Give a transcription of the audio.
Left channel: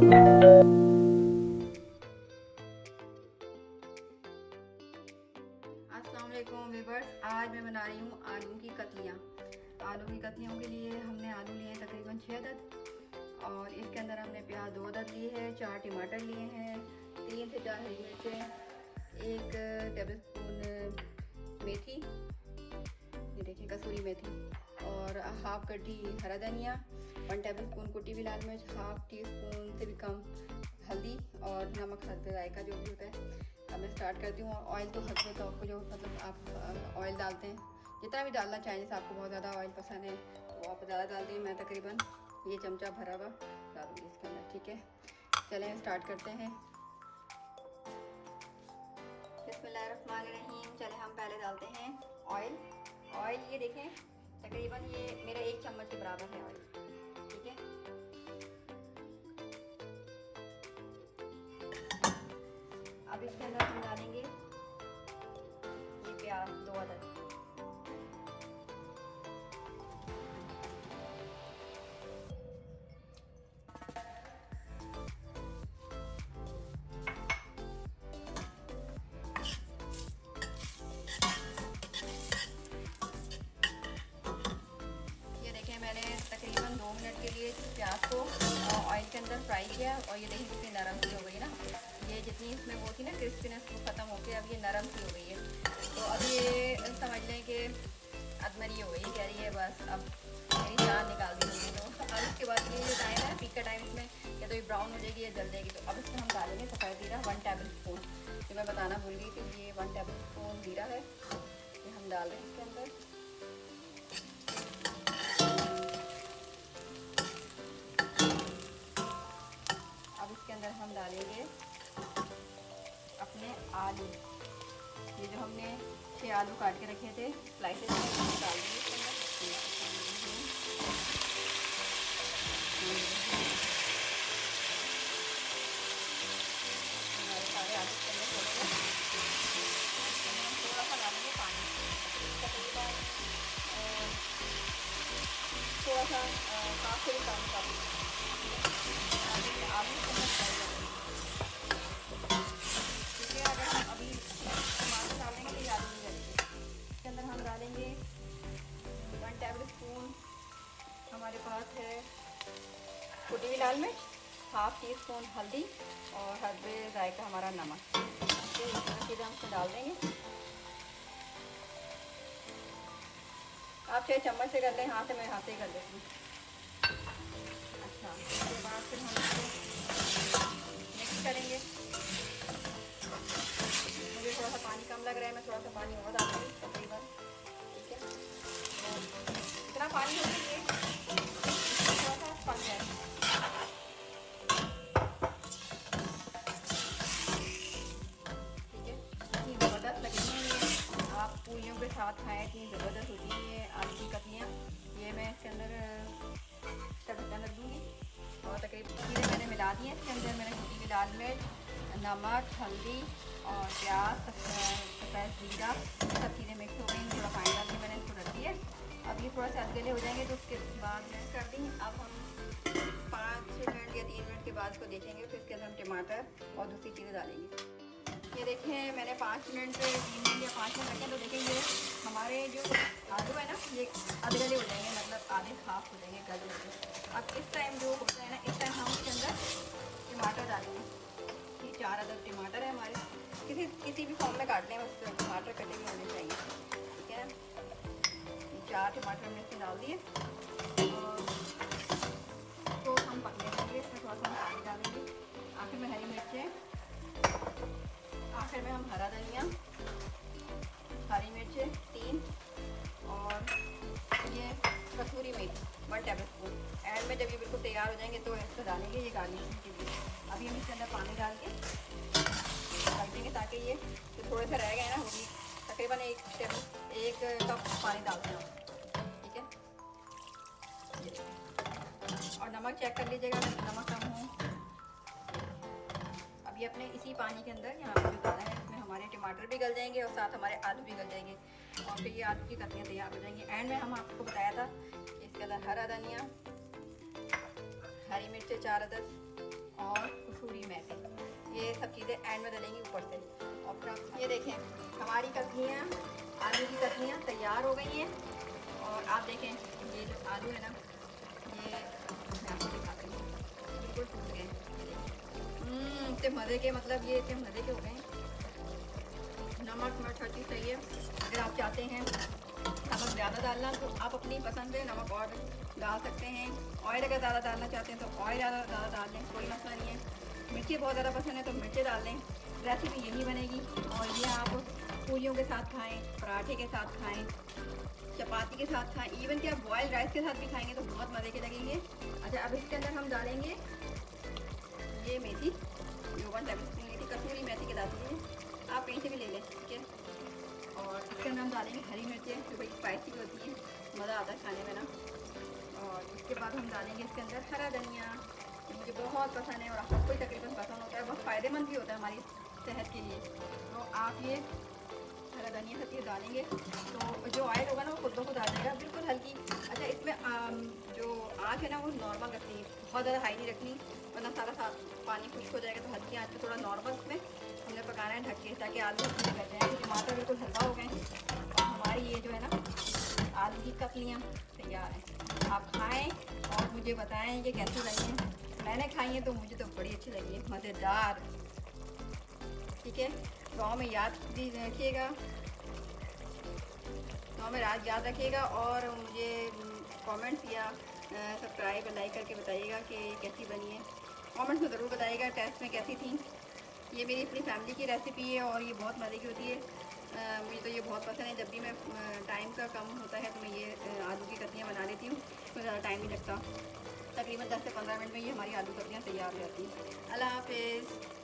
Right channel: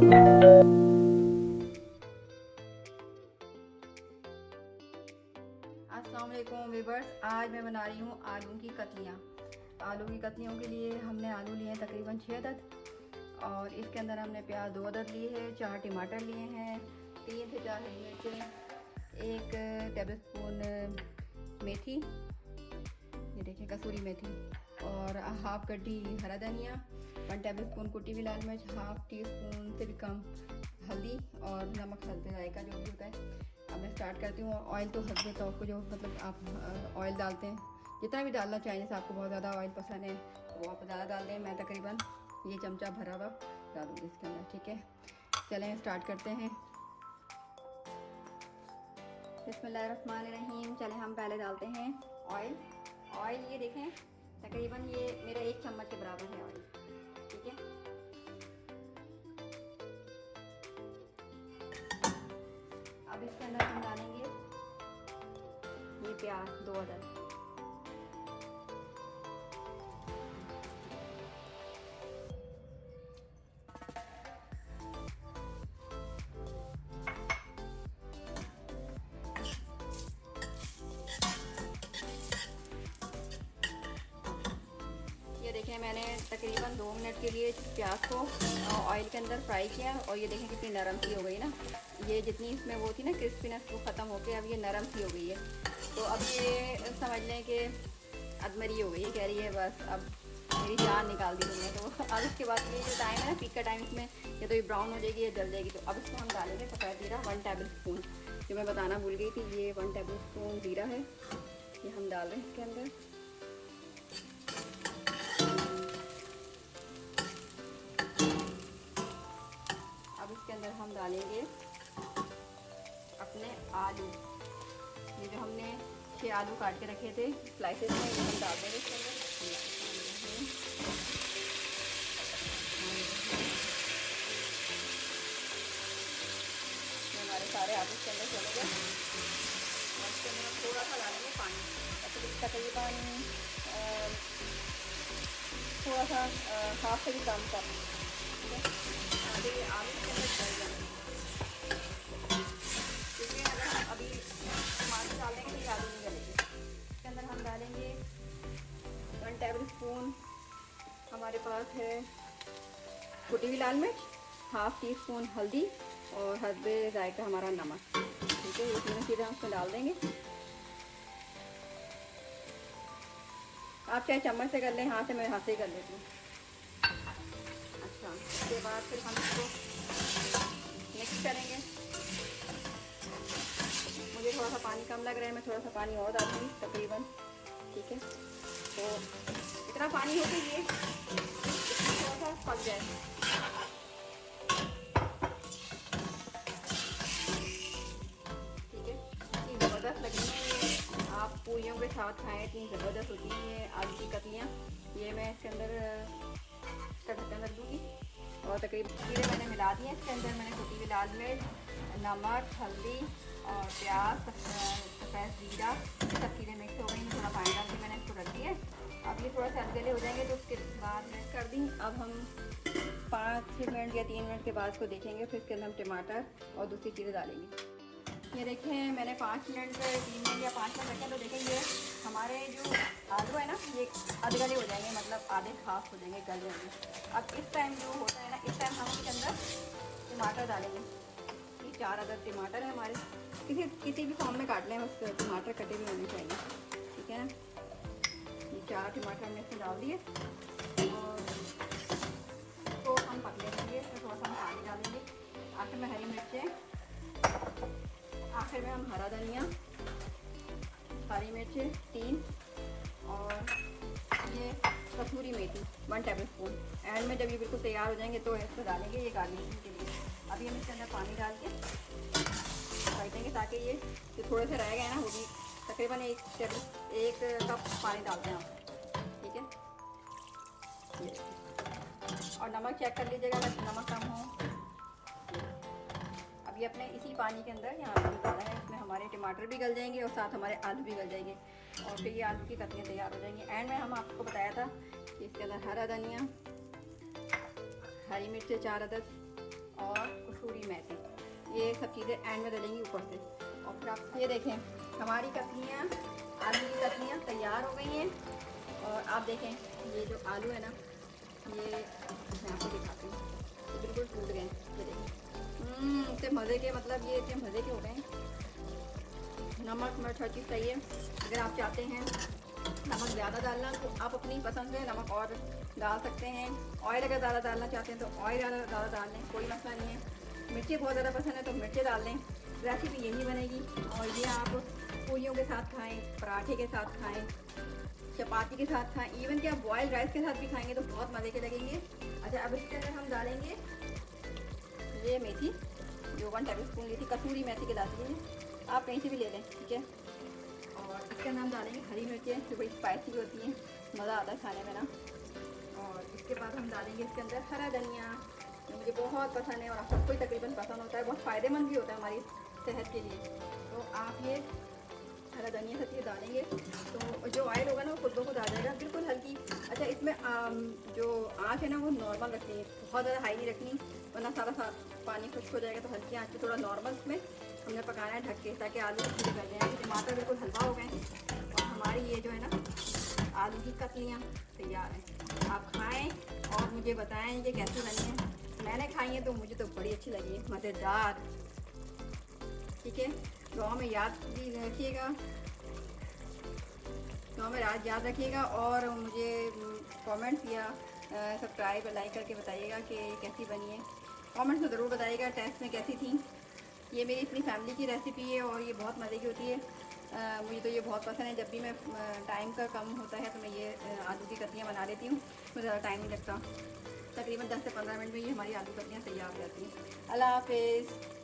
अस्सलाम वालेकुम व्यूअर्स, आज मैं बना रही हूँ आलू की कतलियाँ। आलू की कतलियों के लिए हमने आलू लिए हैं तकरीबन 6 अदद और इसके अंदर हमने प्याज 2 अदद लिए हैं, 4 टमाटर लिए हैं, 3 से 4 हरी मिर्चें, 1 टेबलस्पून मेथी, ये देखिए कसूरी मेथी, और हाफ कटी हरा धनिया, 1 टेबलस्पून कुटी हुई लाल मिर्च, हाफ टी स्पून से भी कम हल्दी और नमक हल्दी जायका जो भी होता है। अब मैं स्टार्ट करती हूँ। ऑयल तो हल्दी तो आपको जो मतलब आप ऑयल डालते हैं जितना भी डालना चाहिए, जैसे आपको बहुत ज़्यादा ऑयल पसंद है तो आप ज़्यादा डाल दें। मैं तकरीबन ये चमचा भरा हुआ डालूँगी इसके अंदर, ठीक है। चलें स्टार्ट करते हैं। बिस्मिल्लाहिर्रहमानिर्रहीम। चलें हम पहले डालते हैं ऑयल। ऑयल ये देखें तकरीबन ये मेरा 1 चम्मच के बराबर है ऑयल, ठीक है। अब इसके अंदर हम डालेंगे ये प्याज 2 अदद, ये देखें मैंने तकरीबन 2 मिनट के लिए प्याज को ऑयल के अंदर फ्राई किया और ये देखिए कितनी नरम सी हो गई ना। ये जितनी इसमें वो थी ना क्रिस्पीनेस वो ख़त्म होकर अब ये नरम सी हो गई है। तो अब ये समझ लें कि अब मेरी हो गई है, कह रही है बस अब मेरी जान निकाल दी हमने। तो अब इसके बाद ये जो टाइम है पीक का टाइम, इसमें या तो ये ब्राउन हो जाएगी या जल जाएगी। तो अब इसमें हम डालेंगे सफ़ेद जीरा 1 टेबल स्पून, जो मैं बताना भूल गई थी। ये 1 टेबल स्पून जीरा है, ये हम डाल रहे हैं इसके अंदर। अब इसके अंदर हम डालेंगे अपने आलू, ये जो हमने 6 आलू काट के रखे थे स्लाइसेस में, हम डाल देंगे इसके अंदर। हमारे सारे आलू के अंदर चले गए। इसके अंदर हम थोड़ा सा डालेंगे पानी, तकरीबन थोड़ा सा हाफ से भी कम का आलू के अंदर डाल देंगे, क्योंकि अगर हम अभी टमाटर डालेंगे तो आलू नहीं डालेंगे। इसके अंदर हम डालेंगे 1 टेबल स्पून हमारे पास है कुटी हुई लाल मिर्च, हाफ टी स्पून हल्दी और हस्बे जायका हमारा नमक, ठीक है। ये तीनों चीज़ें हम इसमें डाल देंगे। आप चाहे चम्मच से कर लें, हाथ से, मैं हाथ से ही कर लेती हूँ। अच्छा, उसके बाद फिर हम इसको मिक्स करेंगे। मुझे थोड़ा सा पानी कम लग रहा है, मैं थोड़ा सा पानी और डालूँगी तकरीबन, ठीक है। तो इतना पानी हो कि ये थोड़ा सा पक जाए, ठीक है। इतनी ज़बरदस्त लगनी है ये, आप पूरियों के साथ खाएँ, इतनी ज़बरदस्त होती है ये आलू की कतलियाँ। ये मैं इसके अंदर ढक्कन रख दूँगी और तकरीबन चीज़ें मैंने मिला दी हैं इसके अंदर। मैंने कुटी हुई लाल मिर्च, नमक, हल्दी और प्याज, सफ़ेद जीरा, सब चीज़ें मिक्स हो गई। थोड़ा पानी डाल के मैंने इसको रख दिया। अब ये थोड़ा सा अधगले हो जाएंगे तो उसके बाद मैं कर दी। अब हम 5 मिनट या 3 मिनट के बाद इसको देखेंगे, फिर इसके अंदर हम टमाटर और दूसरी चीज़ें डालेंगे। ये देखें मैंने 5 मिनट 3 मिनट या 5 मिनट रखे, तो देखेंगे हमारे जो आलू है ना ये अधगले हो जाएंगे, मतलब आधे खास हो जाएंगे, गल जाएंगे। अब इस टाइम जो होता है ना, इस टाइम हम इसके अंदर टमाटर डालेंगे। ये 4 अदद टमाटर है हमारे, किसी भी फॉर्म में काट लें, बस टमाटर कटे हुए होने चाहिए, ठीक है ना। 4 टमाटर हमने इसमें डाल दिए और तो हम पकने देंगे। इसमें थोड़ा सा हम पानी डालेंगे। आखिर में हरी मिर्चें, आखिर में हम हरा धनिया, हरी मिर्चें 3 और ये कसूरी मेथी 1 टेबल स्पून। एंड में जब ये बिल्कुल तैयार हो जाएंगे तो इसको डालेंगे ये गार्निशिंग के लिए। अभी हम इसके अंदर पानी डाल के रख देंगे ताकि ये जो थोड़े से रह गए ना, वो भी तकरीबन 1 कप पानी डालते हैं आप, ठीक है। और नमक चेक कर लीजिएगा अगर नमक कम हो। अभी अपने इसी पानी के अंदर यहाँ पे जो डाला है इसमें हमारे टमाटर भी गल जाएंगे और साथ हमारे आलू भी गल जाएंगे और फिर ये आलू की कतलियाँ तैयार हो जाएंगी। एंड में हम आपको बताया था कि इसके अंदर हरा धनिया, हरी मिर्चें 4 अदद और कसूरी मेथी, ये सब चीज़ें एंड में डालेंगी ऊपर से। और ये देखें हमारी कतलियाँ, आलू की कतलियाँ तैयार हो गई हैं। और आप देखें ये जो आलू है ना, ये मैं आपको दिखाती हूँ, बिल्कुल फूल गए। इतने मज़े के, मतलब ये इतने मज़े के हो गए। नमक मिर्च हर चीज़ सही है। अगर आप चाहते हैं नमक ज़्यादा डालना तो आप अपनी पसंद है नमक और डाल सकते हैं। ऑयल अगर ज़्यादा डालना चाहते हैं तो ऑयल ज़्यादा डाल दें, कोई मसला नहीं है। मिर्ची बहुत ज़्यादा पसंद है तो मिर्ची डाल दें। रेसिपी यही बनेगी और ये आप पूरियों के साथ खाएं, पराठे के साथ खाएं, चपाती के साथ खाएं, इवन कि आप बॉयल राइस के साथ भी खाएंगे तो बहुत मज़े के लगेंगे। अच्छा, अब इसके अंदर हम डालेंगे ये मेथी, जो 1 टेबल स्पून मेथी, कसूरी मेथी के डालते हैं, आप कहीं से भी ले लें, ठीक है। और इसके अंदर हम डालेंगे हरी मिर्चें जो बड़ी स्पाइसी होती हैं, मज़ा आता है खाने में ना। और इसके बाद हम डालेंगे इसके अंदर हरा धनिया, मुझे बहुत पसंद है और आपको कोई तकरीबन पसंद होता है, बहुत फ़ायदेमंद भी होता है हमारी सेहत के लिए। तो आप ये हरा धनिया सब चीज़ डालेंगे तो जो ऑयल होगा ना वो खुद ब खुद आ जाएगा, बिल्कुल हल्की। अच्छा, इसमें जो आँच है ना वो नॉर्मल रखनी है, बहुत ज़्यादा हाई नहीं रखनी, वरना सारा पानी खुश्क हो जाएगा। तो हल्की आँच पे थोड़ा नॉर्मल इसमें हमने पकाना है ढक के, ताकि आलू अच्छे गल जाएंगे। टमाटर बिल्कुल हल्का हो गए और हमारी ये जो है ना आलू की कतलियाँ तैयार हैं। आप खाएँ और मुझे बताएँ ये कैसी बनी है। मैंने खाई है तो मुझे तो बड़ी अच्छी लगी है, मज़ेदार। ठीक है, गाँव में याद भी रखिएगा, गाँव में याद रखिएगा और मुझे कमेंट्स या सब्सक्राइब और लाइक करके बताइएगा कि कैसी बनी है। कमेंट्स में ज़रूर बताइएगा टेस्ट में कैसी थी। ये मेरी अपनी फैमिली की रेसिपी है और ये बहुत मज़े की होती है। मुझे तो ये बहुत पसंद है। जब भी मैं टाइम का कम होता है तो मैं ये आलू की कतलियाँ बना लेती हूँ, तो ज़्यादा टाइम नहीं लगता। तकरीबन 10 से 15 मिनट में ये हमारी आलू कतलियाँ तैयार हो जाती हैं। अल्लाह हाफ़िज़।